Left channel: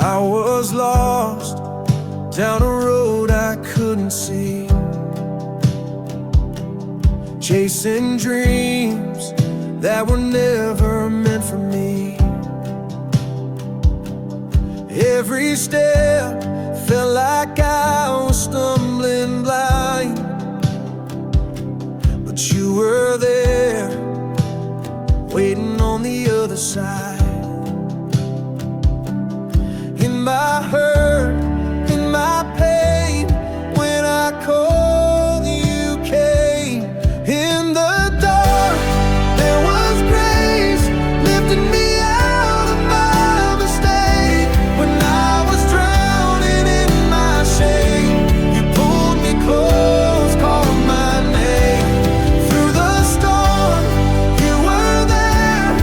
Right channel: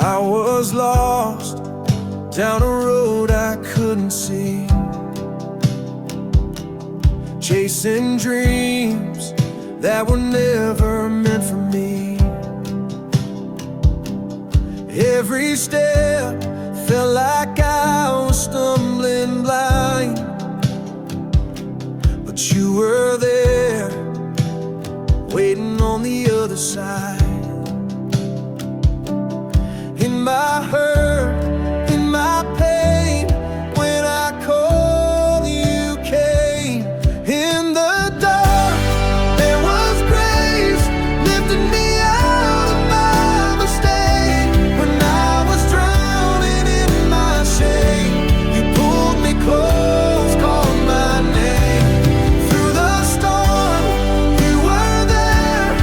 I was lost down a road I couldn't see, chasing dreams that were never meant for me. Every step felt like I was stumbling blind, but you were there, waiting on the other side. In my hurt, in my pain, when I called, you came. In the dark, there was grace, lifting me out of my mistake. When I was drowning in my shame, you pulled me close, called my name. Through the storm, you were there.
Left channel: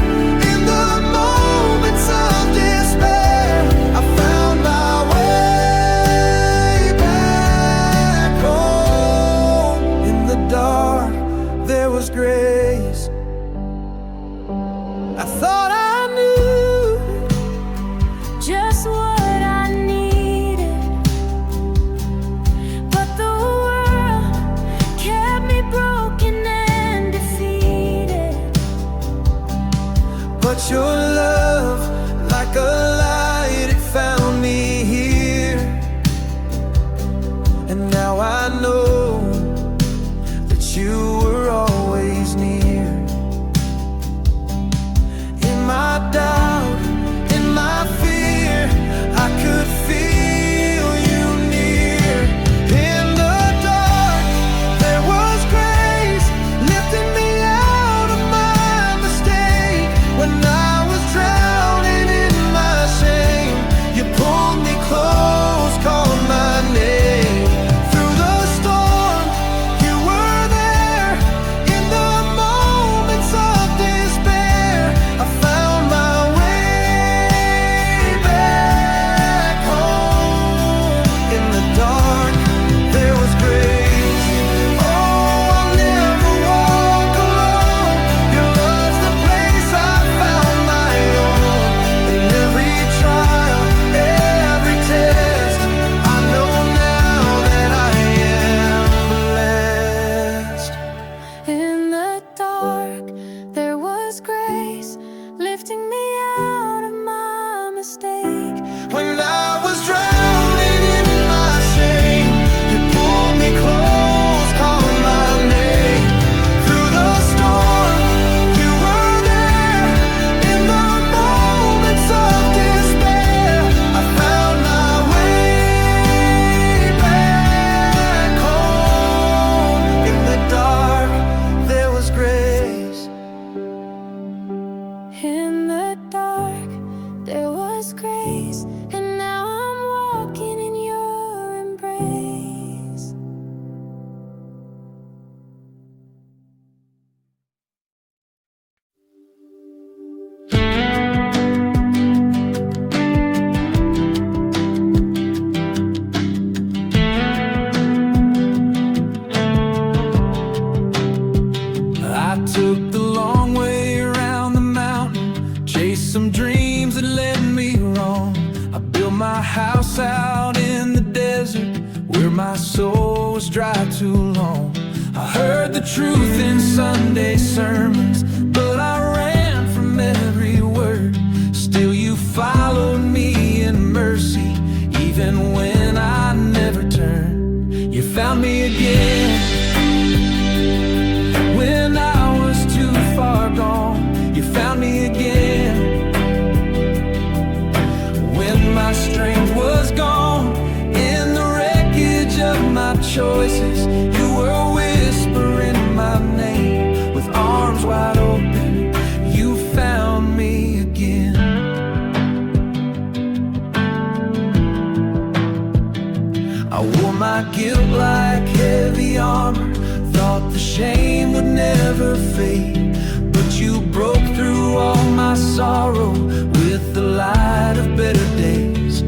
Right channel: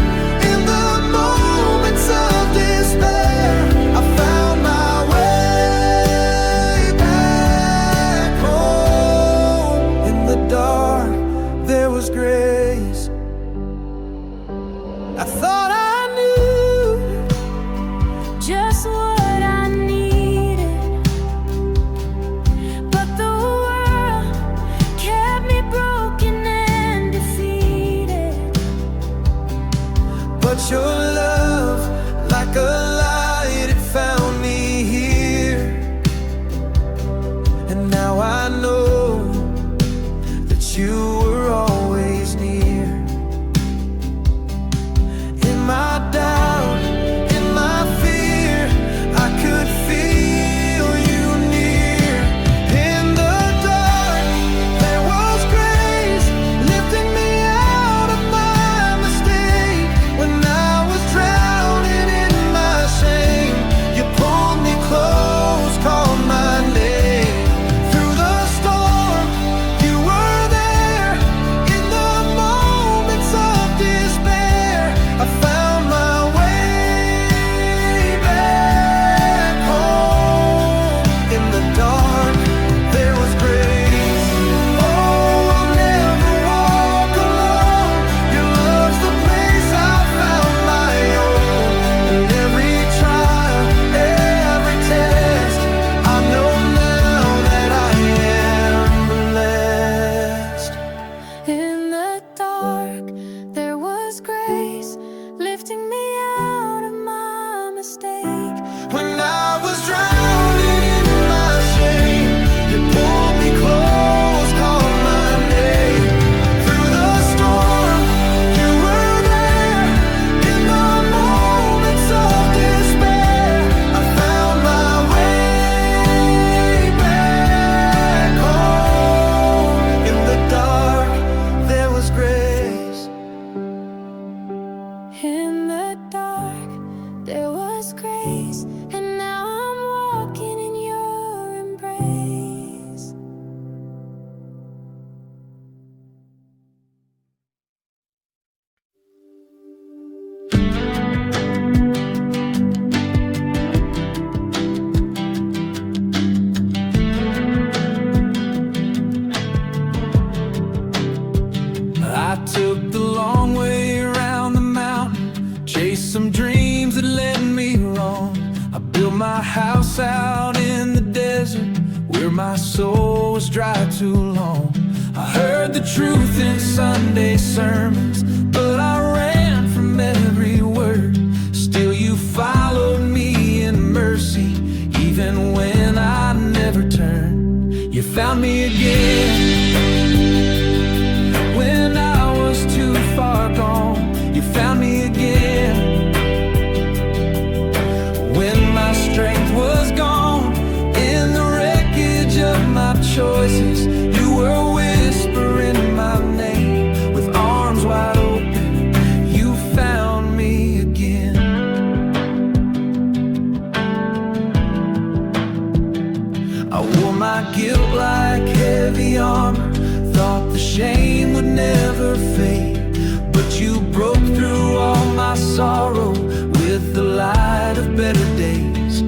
In the moments of despair, I found my way back home. In the dark, there was grace. I thought I knew just what I needed, but the world kept me broken and defeated. but your love, like a light, it found me here. And now I know that you were always near. In my doubt, in my fear, I could feel you near. In the dark, there was grace, lifting me out of my mistake. When I was drowning in my shame, you pulled me close, called my name. Through the storm, you were there. In the moments of despair, I found my way back home. In the dark, there was grace. Oh, I'll never walk alone. Your love's the place I found my own. In every trial, every test, I know now that I am blessed. In the dark, there was grace, lifting me out of my mistake. When I was drowning in my shame, you pulled me close, called my name. Through the storm, you were there. In the moments of despair, I found my way back home. In the dark, there was grace. In the dark, there was grace, and now I'm walking in your embrace. I took the long way around the mountain, chased some dreams that led me wrong. I built my house out in the desert, where my soul was dry too long. I heard the truth in Sunday sermons, but I ran from every word. Still you followed me in mercy, even when I never turned. You found me again when I was too far gone. You found me again when my strength was gone. In the wreckage of my choices, you were whispering my name. With arms wide open, you found me again. I wore my guilt like heavy armor, thought the shame would never fade. But you broke through all my sorrow with the light of better days.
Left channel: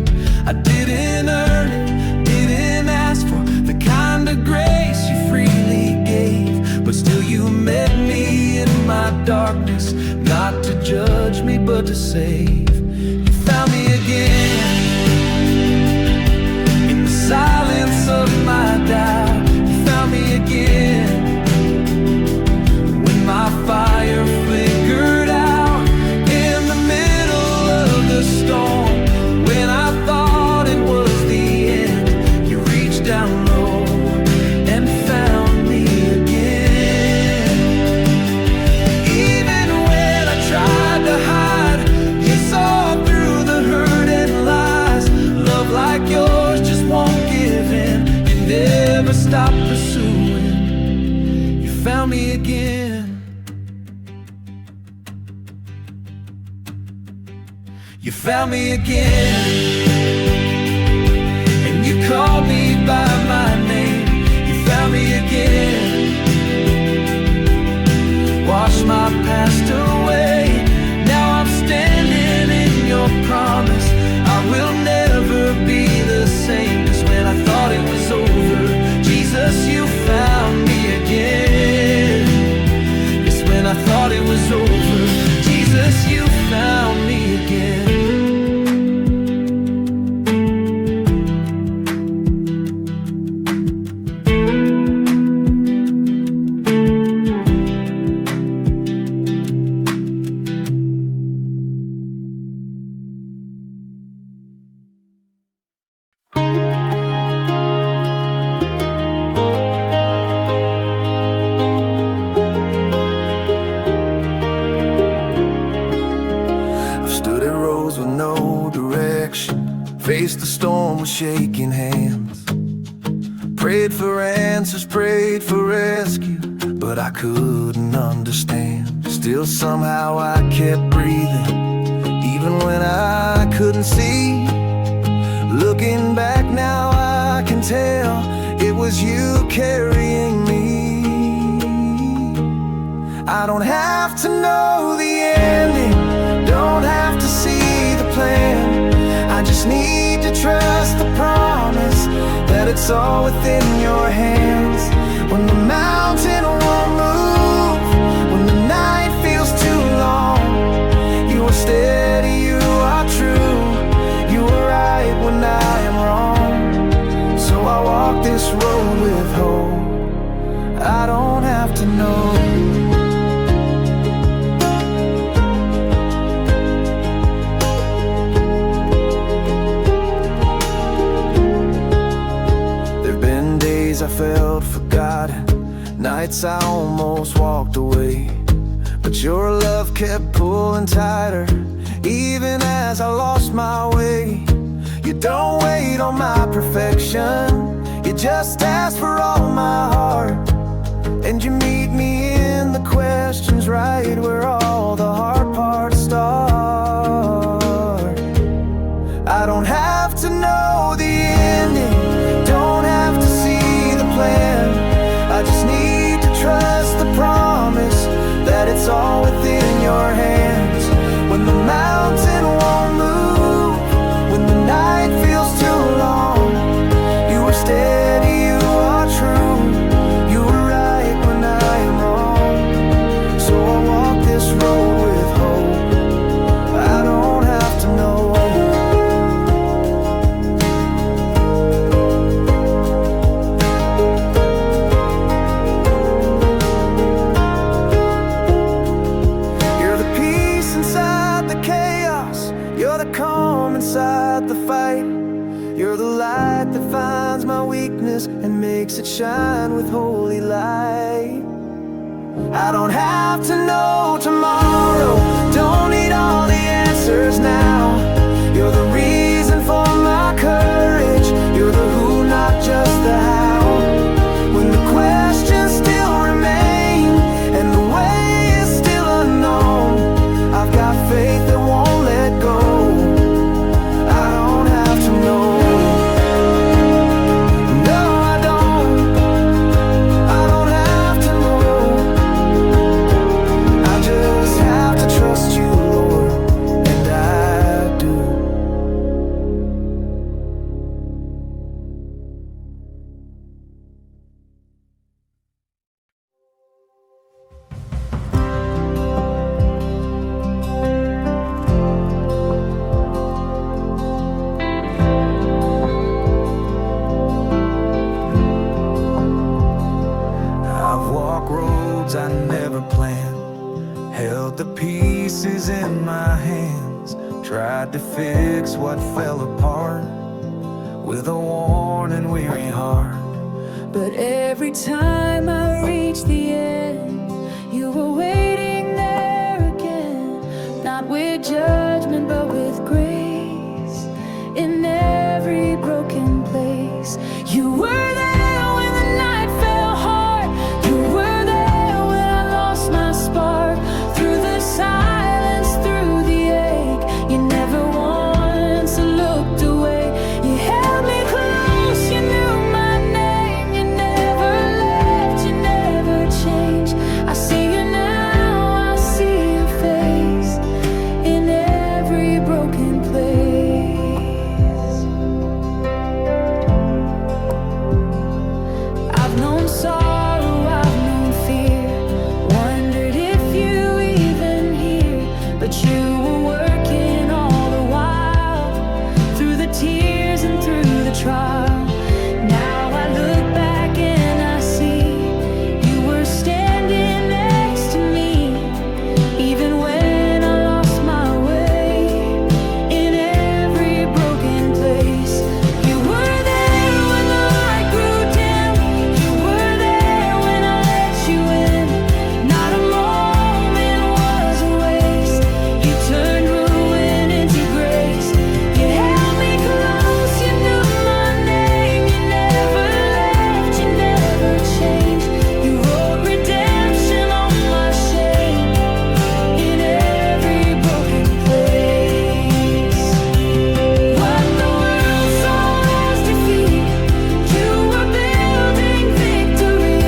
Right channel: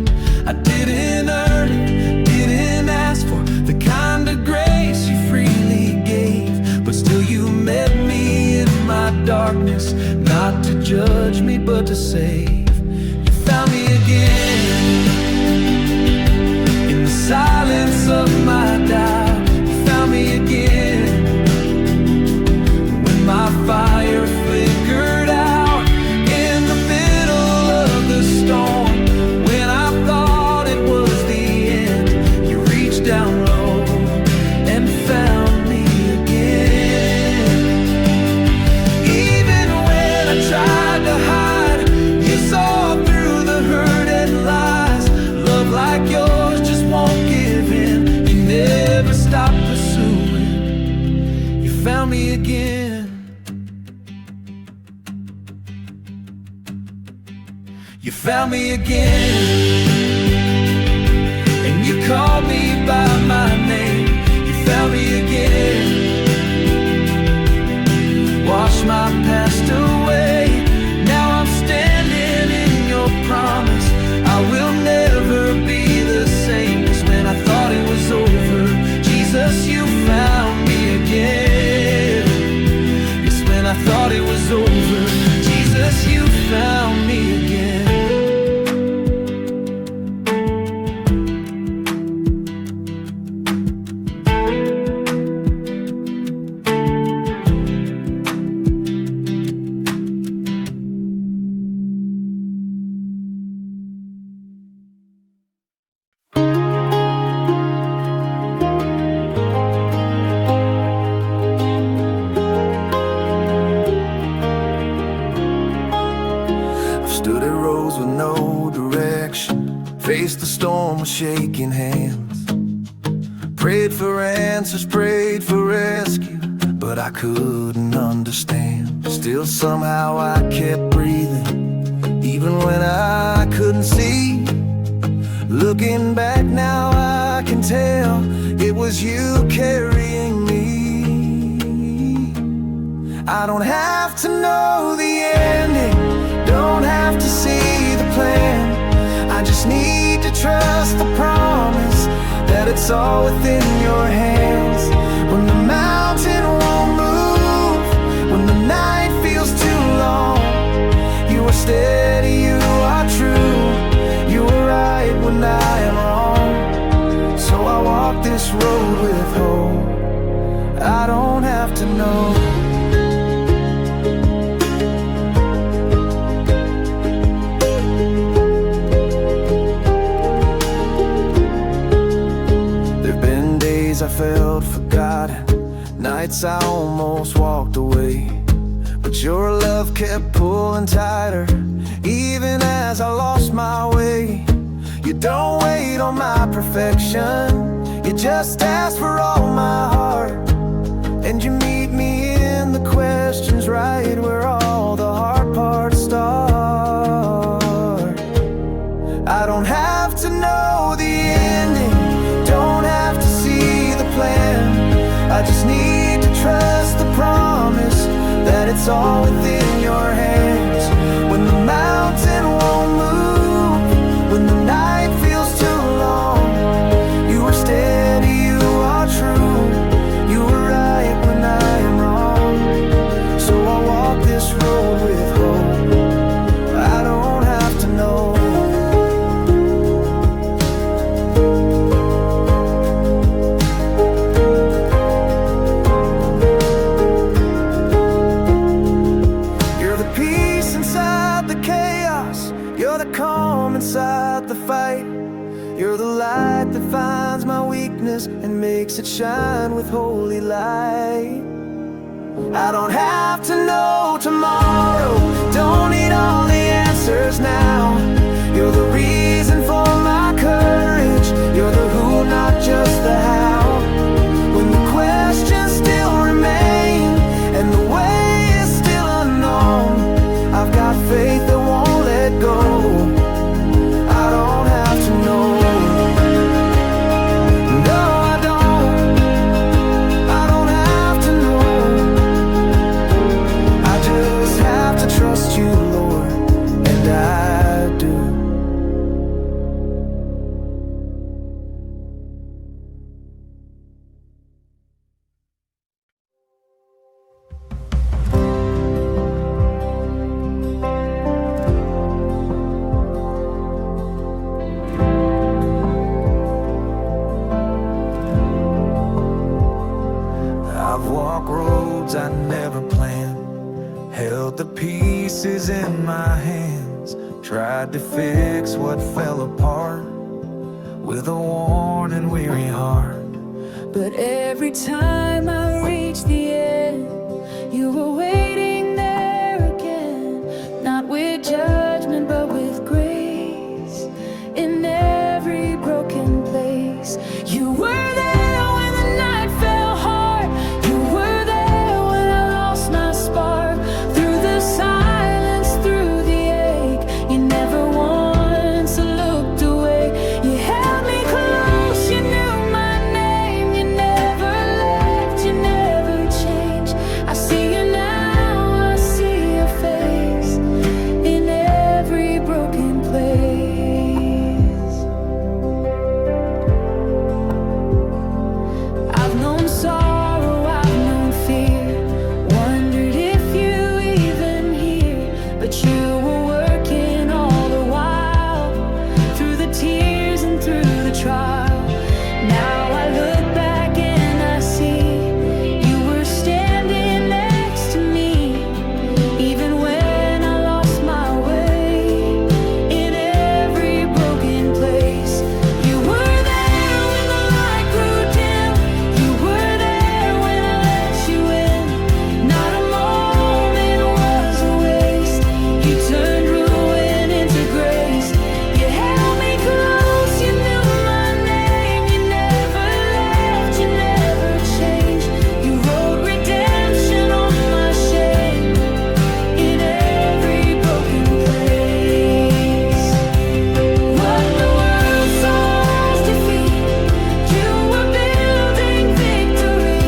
I didn't earn it, didn't ask for the kind of grace you freely gave. But still you met me in my darkness, not to judge me but to save. You found me again the silence of my doubt, you found me again. When my fire flickered out in the middle of the storm, when I thought it was the end, you reached down low and found me again. Even when I tried to hide, you saw through the hurt and lies. Love like yours just won't give in. You never stop pursuing. You found me again. You found me again, and you called me by my name. You found me again. Wash my past away. Now I'm standing in your promise. I will never be the same. 'Cause when I thought it was over, Jesus, you found me again. Yes, when I thought it was over, Jesus, you found me again. Stood at roads with no direction, faced the storm with shaking hands, prayed for answers, prayed for rescue, but I couldn't understand. Still somehow I kept breathing, even when I couldn't see. Looking back now I can tell it was you carrying me. I don't have to know the ending, don't have to see the plan. I just need to trust the promise that it's all within your hands. When the mountain won't move, when the night feels too long, you are steady, you are true, you are right when I am wrong. So I walk this road with hope. I don't have to know. I felt forgotten, nights I almost walked away, but your love kept pulling tighter, even as I lost my way. You don't wait on my perfection, you just ask for all my heart, and you meet me in the questions right where all the hard parts start. I don't have to know the ending, don't have to see the plan. I just need to trust the promise that it's all within your hands. When the mountain won't move, when the night feels too long, you are steady, you are true, you are right when I am wrong. So I walk this road with hope. I don't have to know. You're the calm inside the fight. You're the light that finds my weakness and makes it shine with holy light. I don't have to know tomorrow, don't need all the answers now. You're the reason for my courage, you're the who, not just the how. When the questions still remain and the way is still unknown, I've got faith that won't let go. I don't have to know. No, I don't have to know. I just have to trust you, Lord, and I do. walk roads I never planned, held the pieces in my hands, tried to fix what fell apart with a worn and weary heart. But every time I reached the end, you were waiting there again, not with judgment but with grace. In every broken place, you were there when the night fell hard. You were there when I lost my spark. Through the silence, through the ache, you never once looked away. You held me close, you knew my name. You never left, you never changed. I see you now, I see your face in every broken place. I've known sorrow, I've known fear, wondered if you even hear. But you were working all the while, through the tears and through the trial. Now I look back and I see you were standing next to me, even when I lost my way. In every broken place, you were there when the light grew dim. You were there when I let you in. Not a moment was a waste. You turned ruin into grace. You held me close, you knew my name. You never left, you never changed. You wrote redemption on my shame in every broken place. What the world saw as defeat, you were building victory.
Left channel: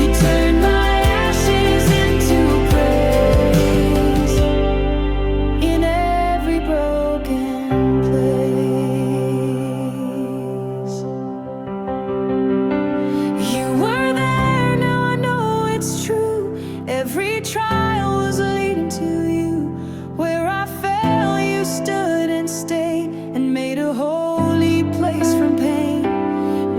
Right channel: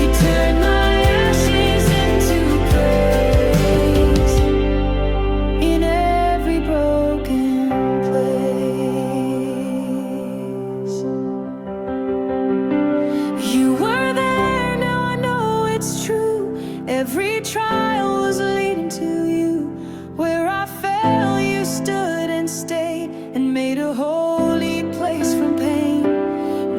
You turned my ashes into praise in every broken place. You were there, now I know it's true. Every trial was leading to you. Where I fell, you stood and stayed, and made a holy place from pain.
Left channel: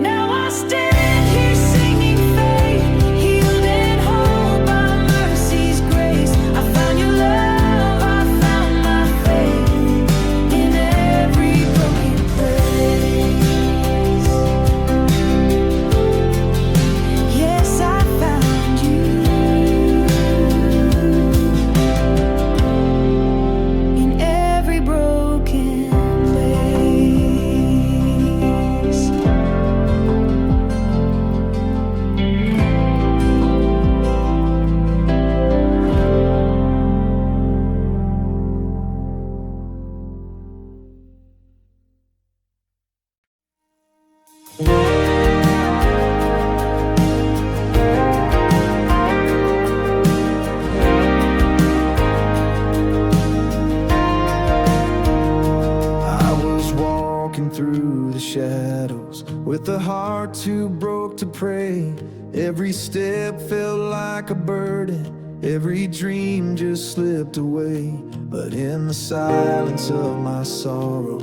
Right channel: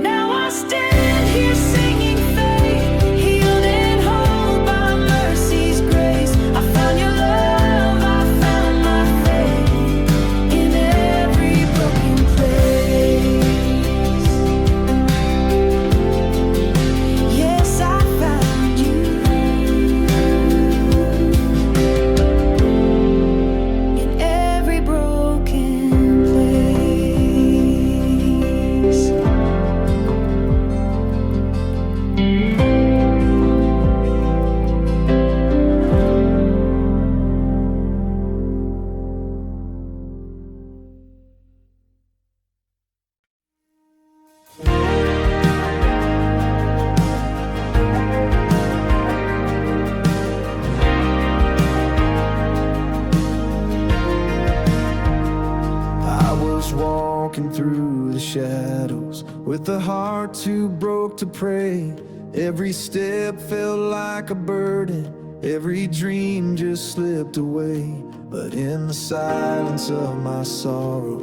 Now I stand here singing faith, healed and whole by mercy's grace. I found your love, I found my faith in every broken place. Yes, I found you in every broken place. I was walking through the shadows with a heart too broke to pray. Every step felt like a burden, every dream just slipped away. But in the silence of my sorrow,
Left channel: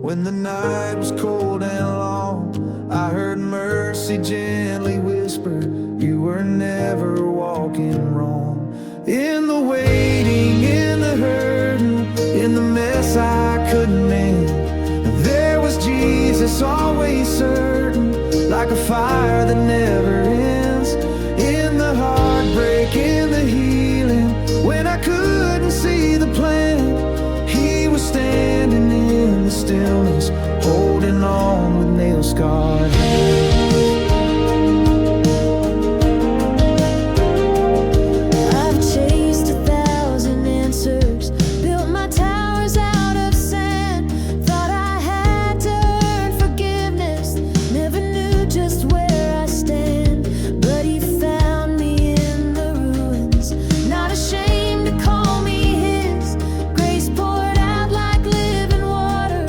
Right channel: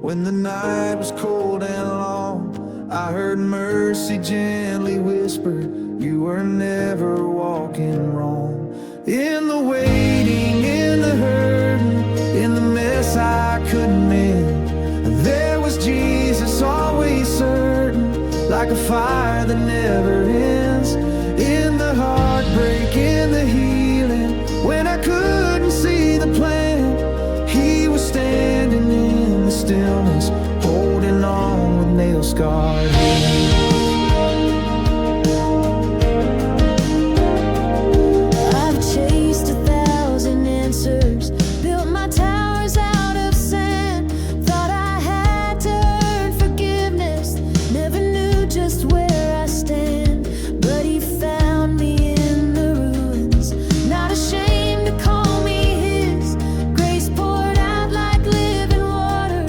when the night was cold and long, I heard mercy gently whisper, you were never walking wrong. In the waiting, in the hurting, in the mess I couldn't mend, there was Jesus always certain, like a fire that never ends. In the heartbreak, in the healing, when I couldn't see the plan, He was standing in the stillness, holding on with nail-scarred hands. I've chased 1,000 answers, built my towers out of sand. Thought I had to earn forgiveness, never knew just where I stand. But He found me in the ruins, not ashamed to call me His. Grace poured out like living water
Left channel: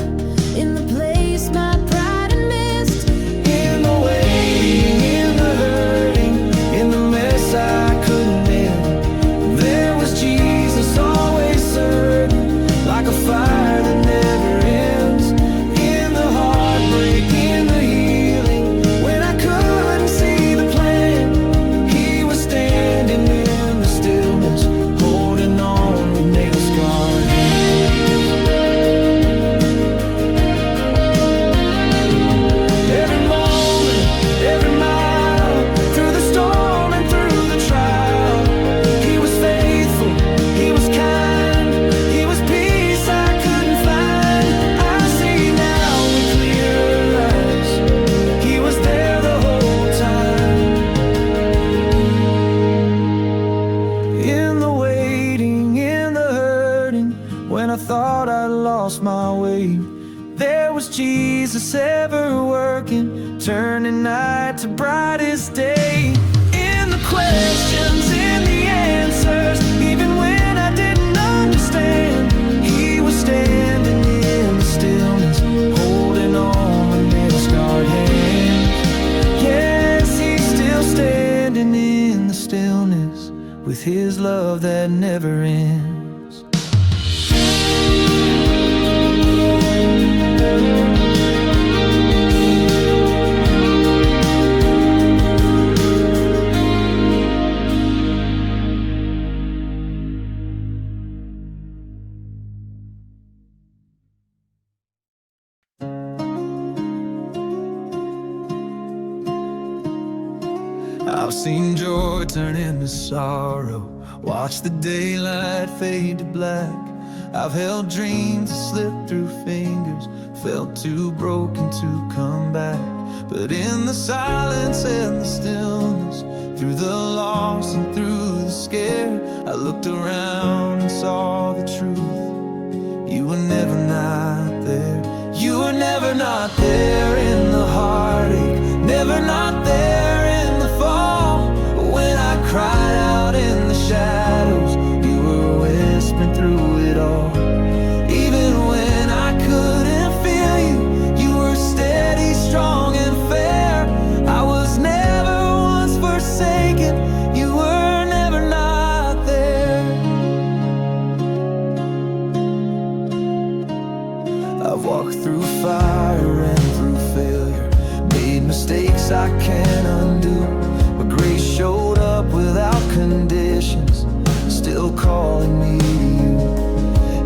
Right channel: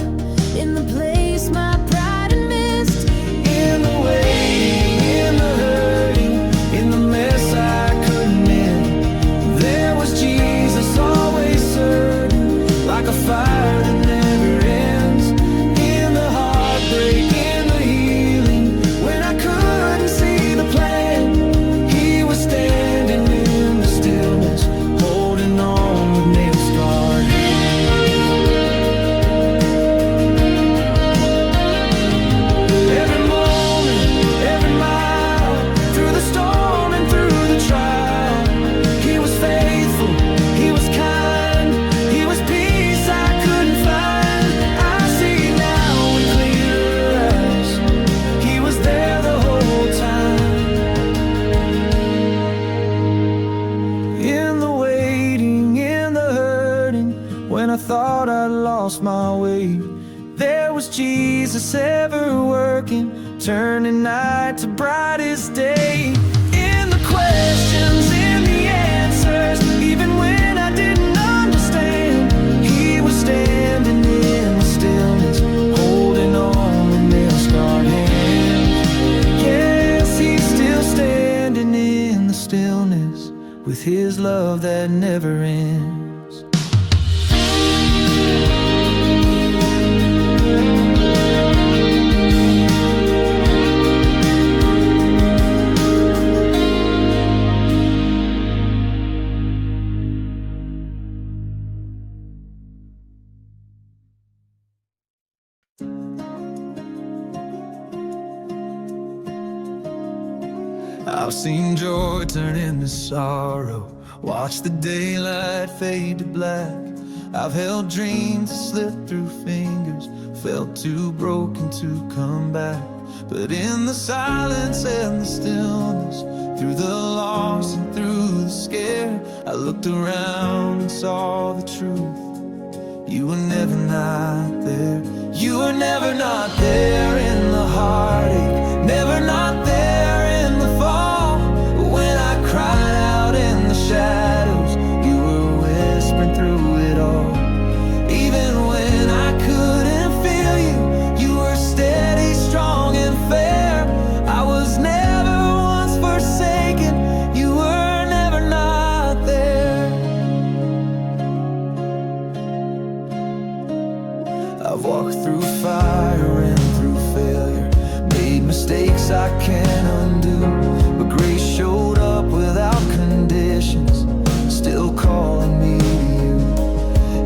in the place my pride had missed. In the waiting, in the hurting, in the mess I couldn't mend, there was Jesus always certain, like a fire that never ends. In the heartbreak, in the healing, when I couldn't see the plan, He was standing every moment, every mile, through the storm and through the trial. He was faithful, he was kind, he was peace I couldn't find. I see now with clearer eyes, he was there the whole time. In the waiting, in the hurting, when I thought I lost my way, there was Jesus ever working, turning night to brightest day. In the questions, in the answers, even when I didn't understand, he was standing in the stillness, holding on with nail-scarred hands. Yes, he's still standing in the stillness, with his love that never ends. I've seen joy turn into sorrow, watched the daylight fade to black. I've held dreams that slipped through fingers, felt too broken to come back. But in the silence and the stillness, through the loss and through the scare, I looked around and saw the truth. You were never not there. You were never not there in the heartache, never not there in the fall. When I cried out in the shadows, you were whispering through it all. Even when I couldn't feel you, you were steady, strong, and fair. I was never once forsaken. You were never not there. I've walked through fire and through failure, made mistakes I can't undo, but grace showed up without conditions, still calling me to you.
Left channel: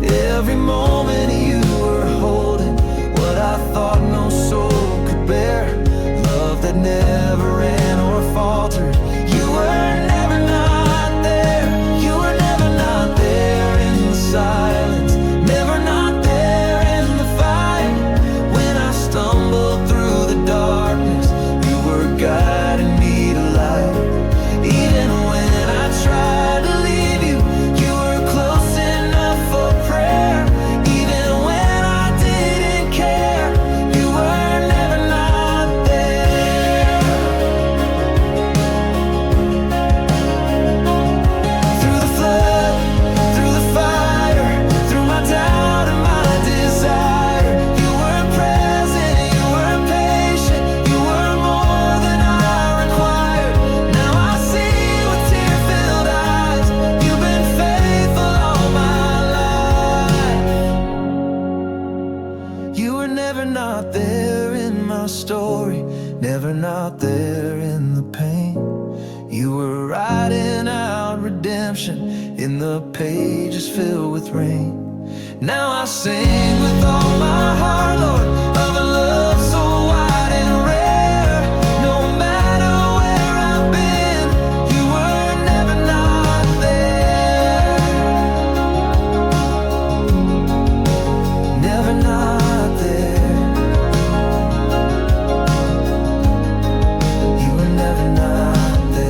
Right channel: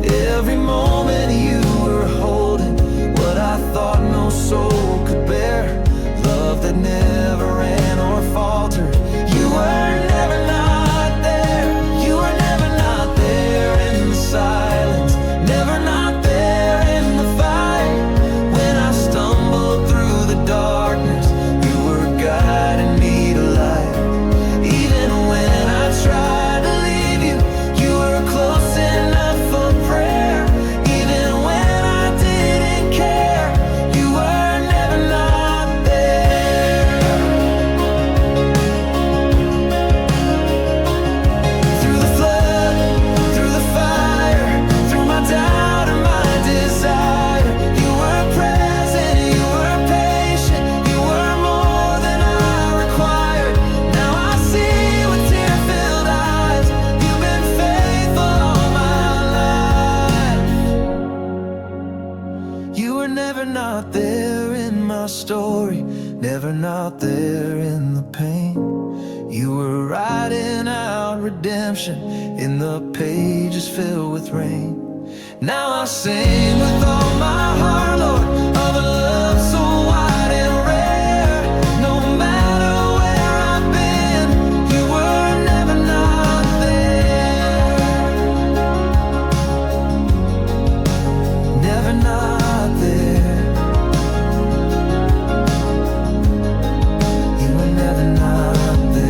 Every moment you were holding what I thought no soul could bear, love that never ran or faltered. You were never not there. You were never not there in the silence, never not there in the fight. When I stumbled through the darkness, you were guiding me to light. Even when I tried to leave you, you were close enough for prayer. Even when I didn't care, you were never not there. Through the flood, through the fire, through my doubt and my desire, you were present, you were patient, you were more than I required. Now I see with tear-filled eyes, you've been faithful all my life. You were never not there in my story, never not there in the pain. You were writing out redemption in the pages filled with rain. Now I sing with all my heart, Lord, of a love so wide and rare. No matter where I've been, you were never not there. Never not there. You were never not there.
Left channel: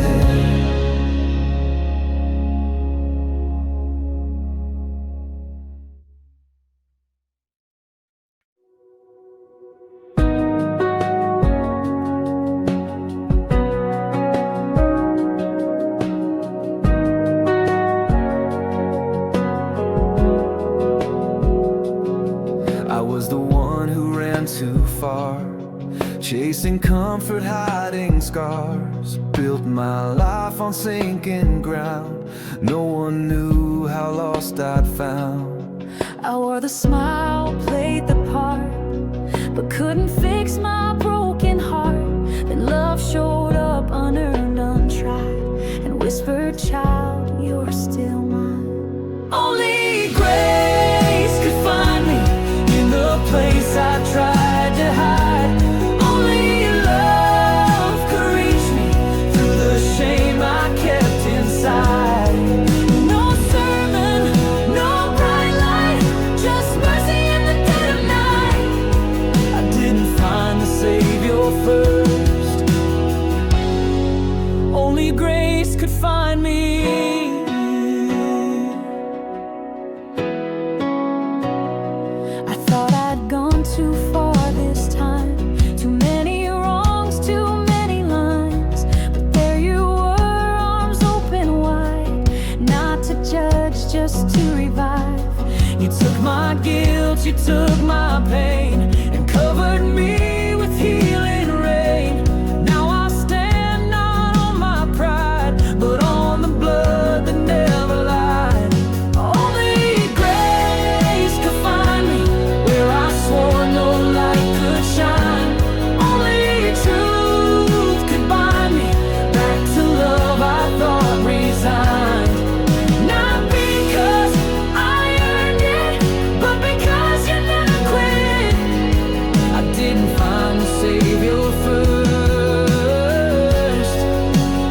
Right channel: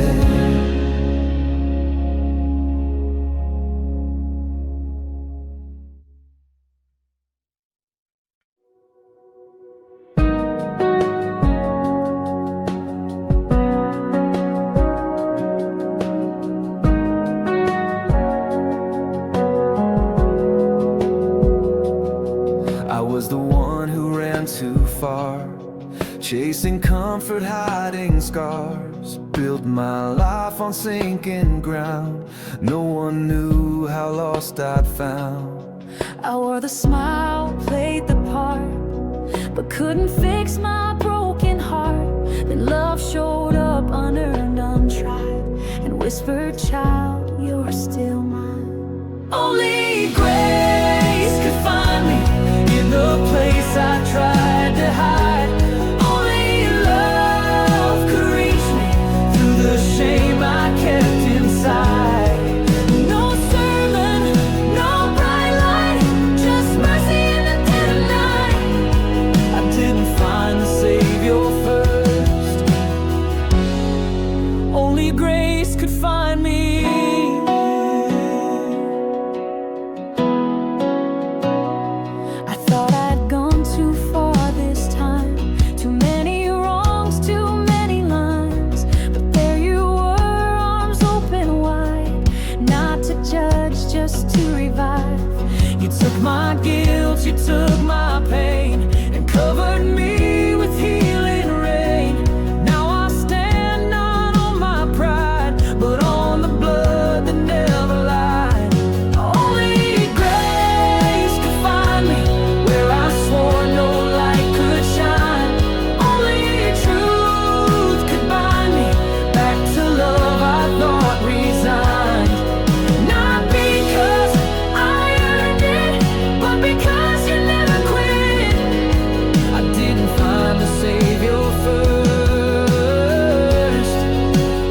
I was the one who ran too far, chasing comfort, hiding scars. Built my life on sinking ground. No one knew how lost I'd found. I wore the smile, played the part, but couldn't fix my broken heart. Then love showed up unearned, untried, and whispered, child, you're still mine. Only grace could find me in the place I tried to hide. Only Savior first. Only grace could find me. I thought I'd gone too far this time. Too many wrongs, too many lines. But there you were, arms open wide. Not to judge, just to revive. You took my guilt, you took my pain, and covered me with healing rain. Now I stand not on my pride, but on the blood that never lied. Only grace could find me where I swore no light could shine. Only truth could bind me back to love I thought resigned. Not because I earned it, but because you never quit. I didn't find the Savior first.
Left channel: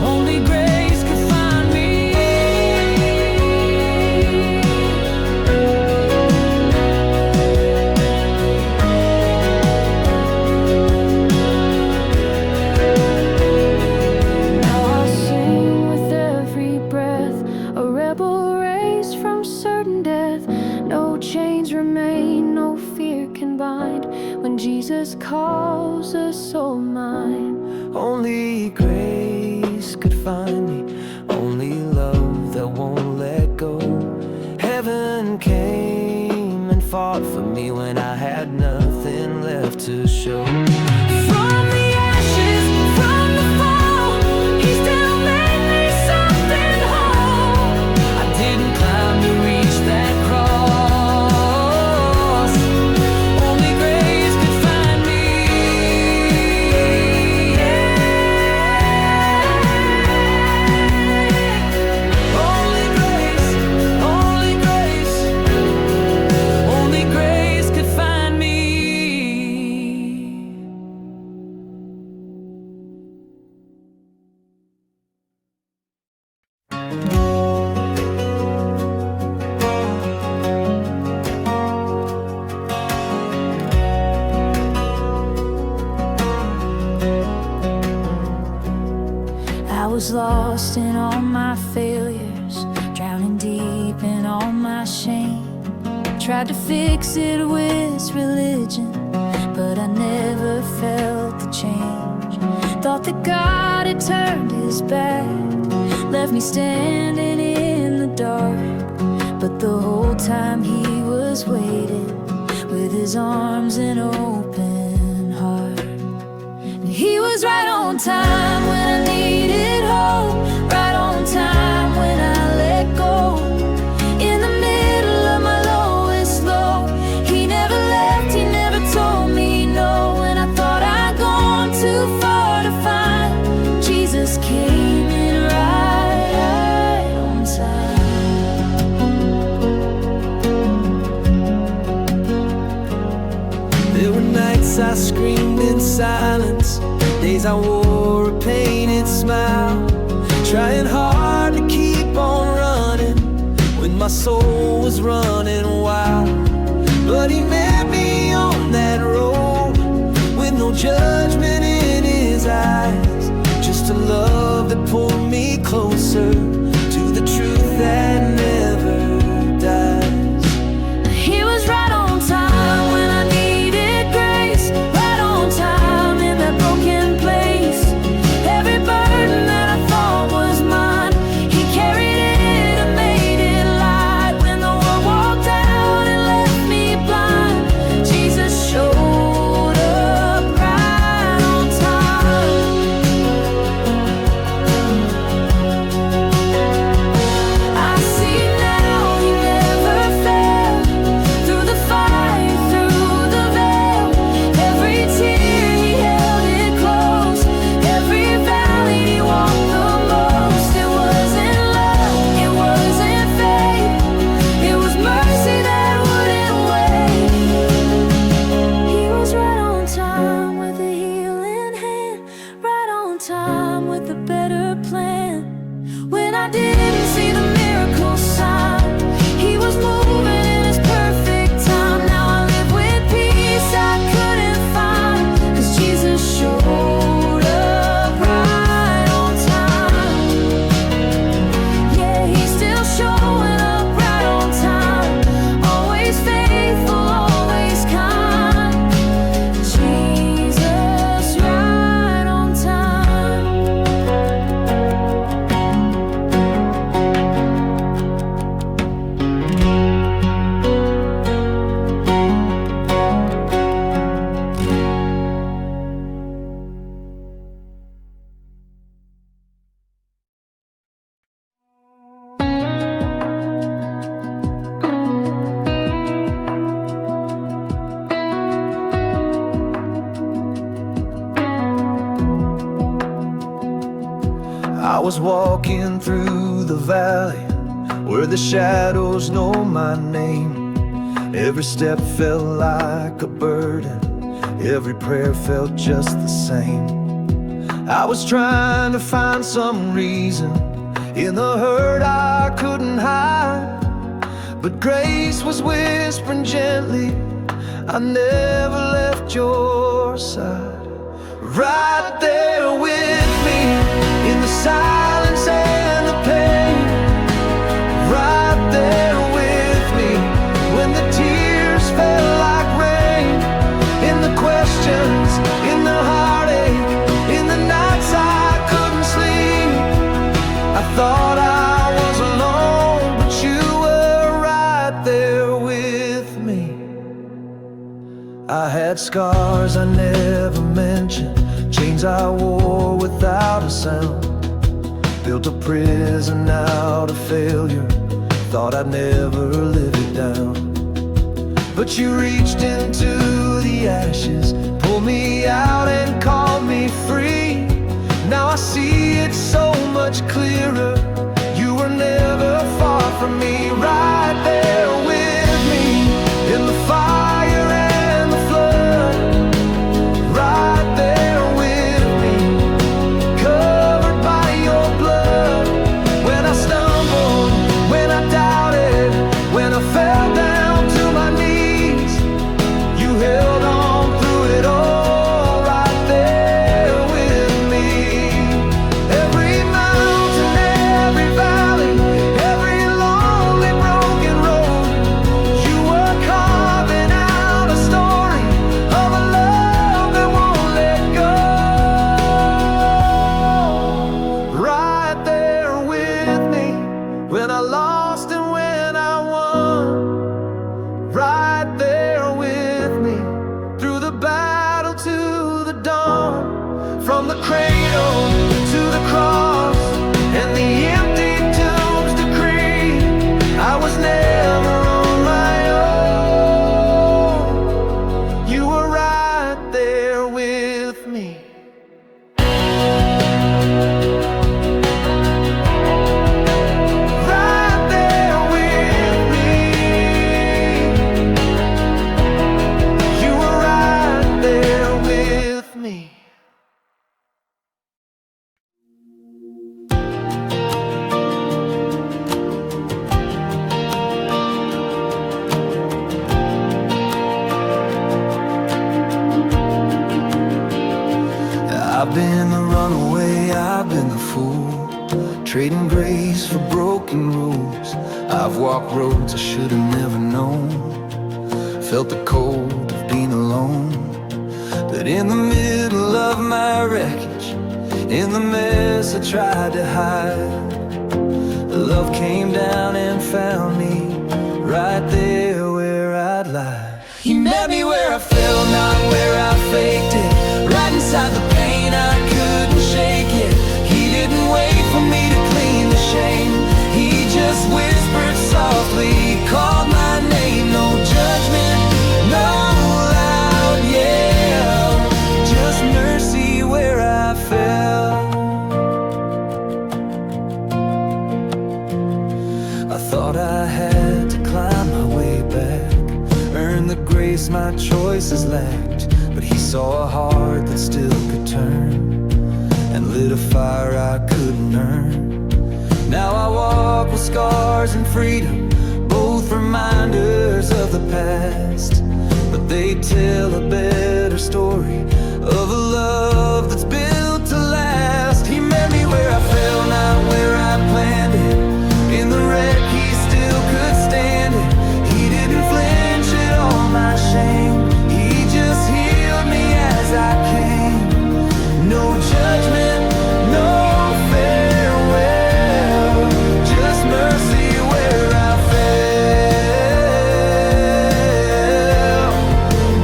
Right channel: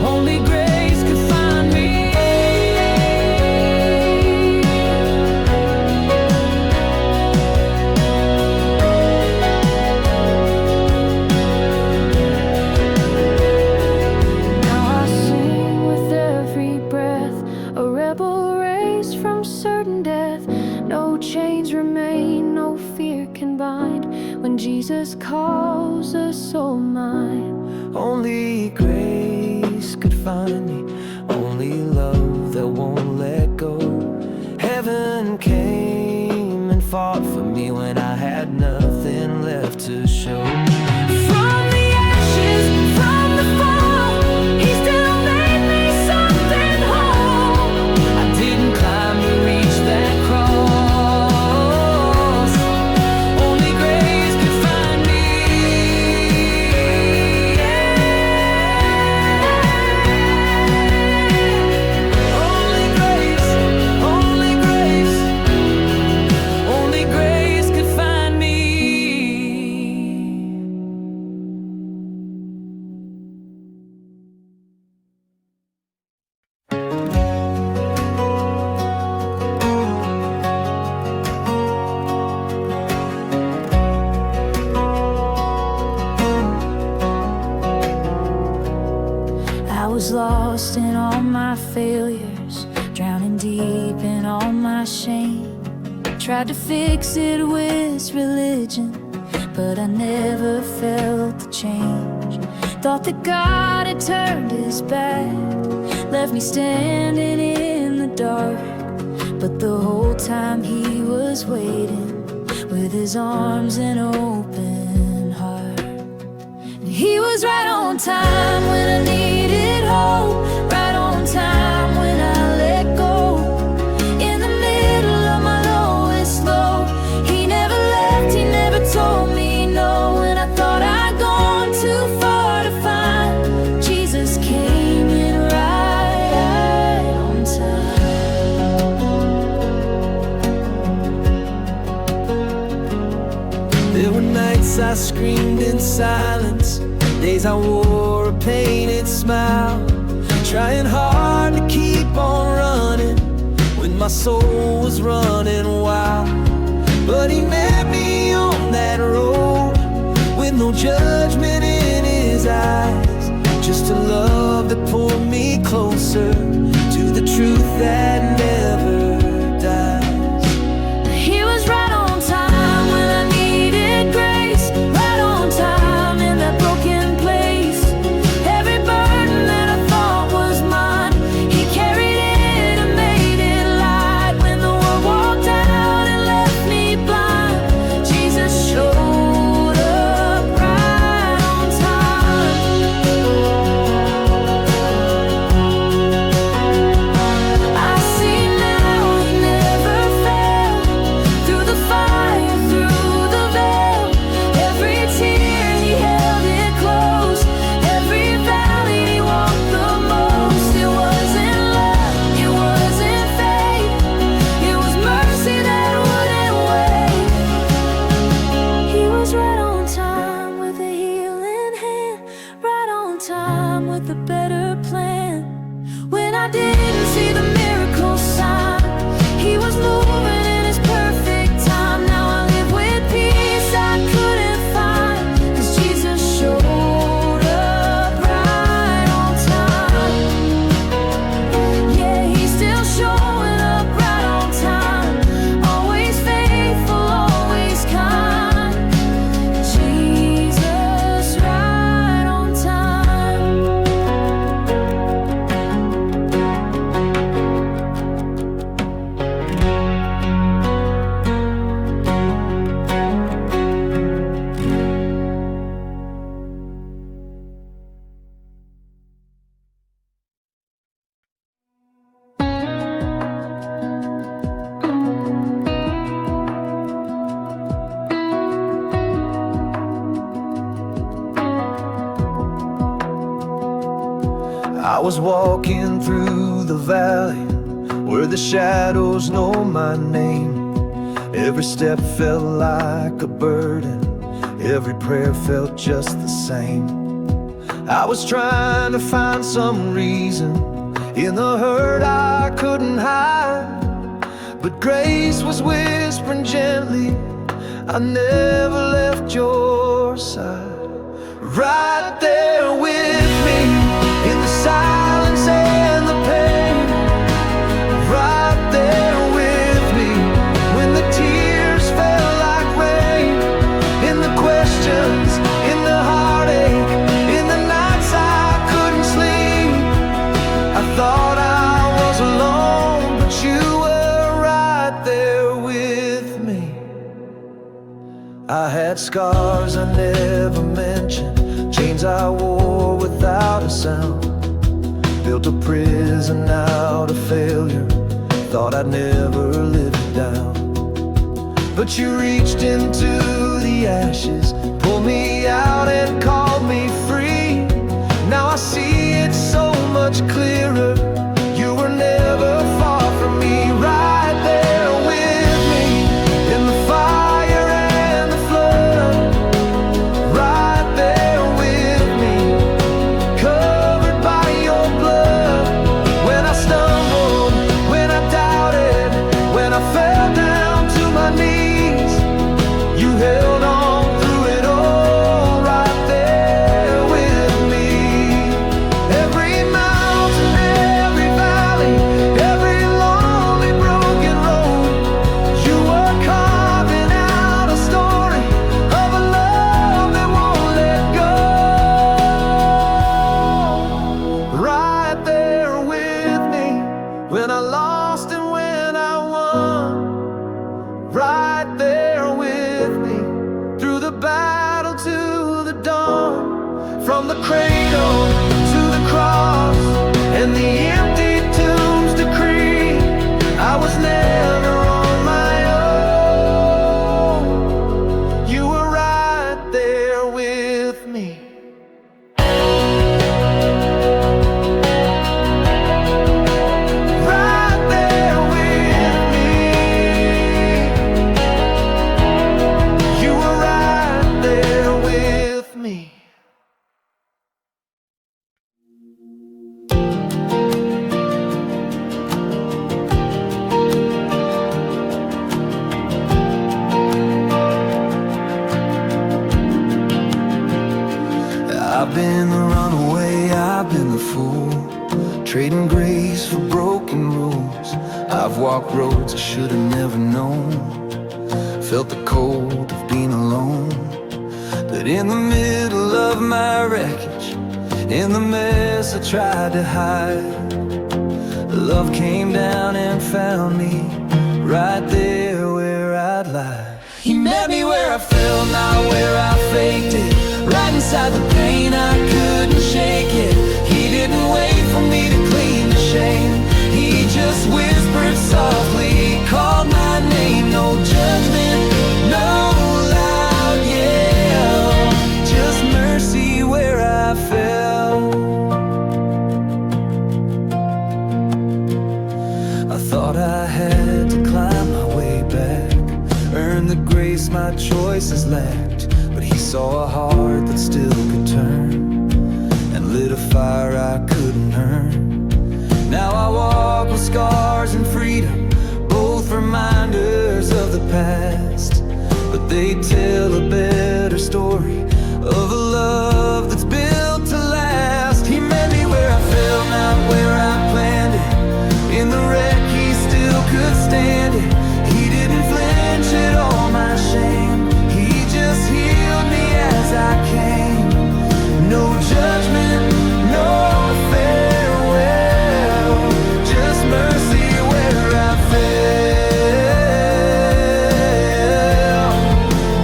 Only grace could find me. Now I sing with every breath, a rebel raised from certain death. No chains remain, no fear can bind. When Jesus calls a soul mine. Only grace could find me, only love that won't let go. Heaven came and fought for me when I had nothing left to show. From the ashes, from the fall, He still made me something whole. I didn't climb to reach that cross. Only grace could find me. Only grace, only grace, only grace could find me. I was lost in all my failures, drowning deep in all my shame. Tried to fix it with religion, but I never felt the change. Thought that God had turned His back, left me standing in the dark. But the whole time He was waiting, with His arms and open heart. And He was right on time when I needed hope, right on time when I let go. In the middle of my lowest low, He never left, He never told me no. When I thought I'd gone too far to find, Jesus came in right on time. There were nights I screamed in silence, days I wore a painted smile, trying hard to keep on running when my soul was running wild. But He met me on that road with no judgment in His eyes, just a love that pulled me closer to the truth that never dies. He was right on time when I needed grace, right on time in that broken place. Every burden that I thought was mine, He carried it and made it light. When the world walked out and left me blind, Jesus showed up right on time. I see now He never I was walking through the valley where the shadows know my name. Every step felt like a burden, every prayer felt just the same. I was trying to find some reason in the hurt I couldn't hide, but grace was whispering gently, I never left your side. Right there with me, in the silence and the pain. Right there with me, when the tears fell like rain. In the questions, in the heartache, in the nights I couldn't sleep. I thought I was alone, but you were right there with me. I had scars I never mentioned, chains I wore without a sound. Built a prison out of failure, thought I'd never live it down. But you reached into the ashes, pulled me out and called me free. Now I see it so much clearer, you were never far from me. Right there with me, in the fire and the flood. Right there with me, covered by your blood. When I stumbled, when I doubted, when I fell down to my knees, you held on through it all. Right there with me. Every mountain, every valley, every lonely broken road, you were carving out a story of a love that won't let go. Right there with me, when I lost and when I won. Right there with me, through the battle to the dawn. From the cradle to the cross and the empty tomb's decree, I was never on my own. You were right there with me. Right there with me. You were right there with me. I've been the runaway, I've been the fool, trading grace for broken rules. I've walked roads I should have never known, felt the cold of being alone. But in the middle of my wreckage, in the mess I tried to hide, love came down and found me, right there where I'd lie. He met me where I fell, not where I faked it. Right inside the pain, I couldn't shake it. He didn't wait for me to clean the shame, he just whispered softly, called my name. No judgment, no loud yell, just mercy where I fell. I thought I had to climb my way back, earn the grace my choices lacked. But he saw a heart that still could turn, and lit a fire I couldn't earn. Now I walk with scars and freedom, both reminders of the past. But they tell a better story of a love that's built to last. He met me where I fell, not where I planned it. In the wreck he still could stand it. He didn't flinch at all my shame, he just healed me as I came. No judgment, no farewell, just mercy where I fell,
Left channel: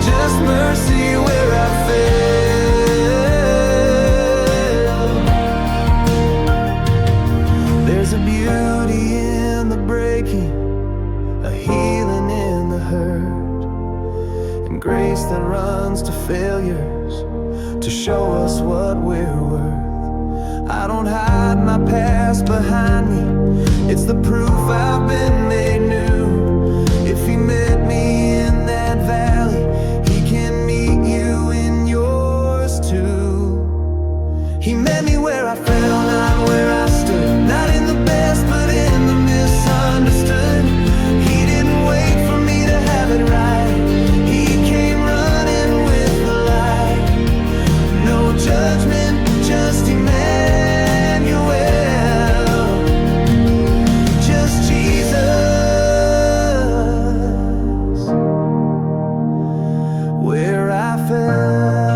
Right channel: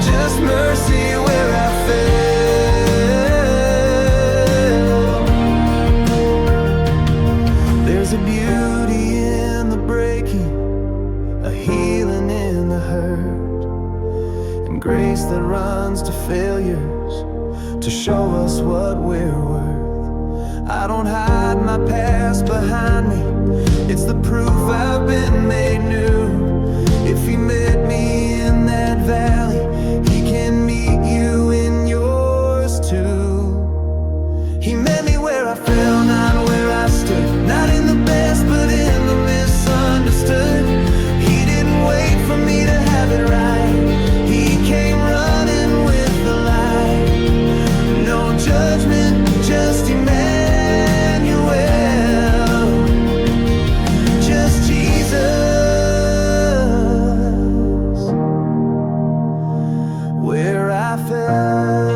just mercy where I fell. There's a beauty in the breaking, a healing in the hurt, and grace that runs to failures to show us what we're worth. I don't hide my past behind me. It's the proof I've been made new. If he met me in that valley, he can meet you in yours too. He met me where I fell, not where I stood. Not in the best, but in the misunderstood. He didn't wait for me to have it right. He came running with the light. No judgment, just Emmanuel. Just Jesus. Where I fell,